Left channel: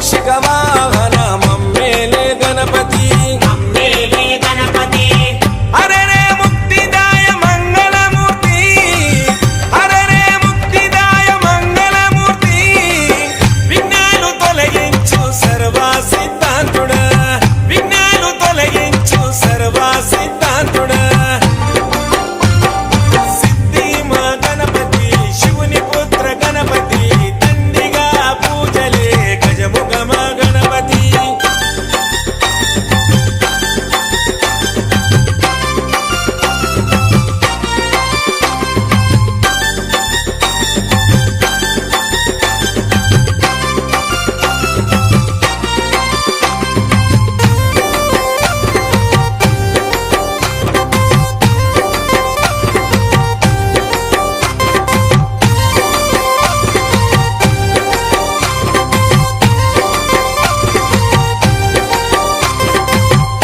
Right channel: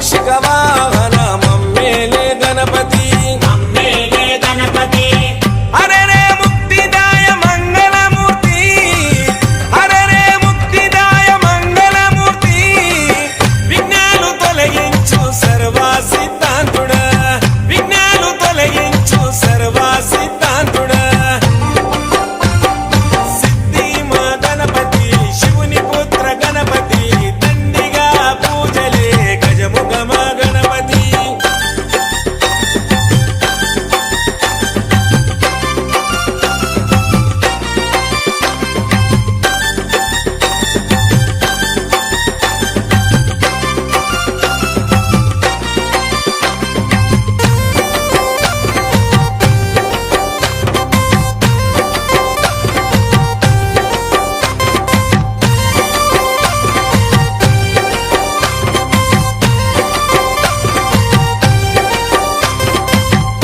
మూషిక వాహన మమ్మేలే గణపతి హరే రే ముక్తిదాయ మంగళమూర్తి హరే రే ముక్తిదాయ మంగళమూర్తి విఘ్నాలు తొలగించు సర్వా సిద్ధాంతుడా విఘ్నాలు తొలగించు సర్వా సిద్ధాంతుడా సిద్ధి మా గణపతి శివుని పుత్ర గణపతి దండిగా పూజలే గజముఖ మా గణపతి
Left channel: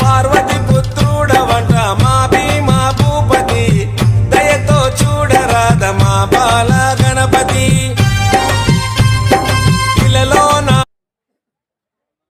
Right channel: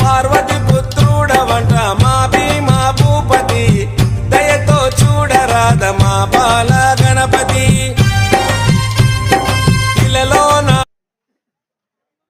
పార్వతి పుత్రుడవంట మా భీమా భూపతి దయతో చూడరాద మా బాల గణపతి ఇలలో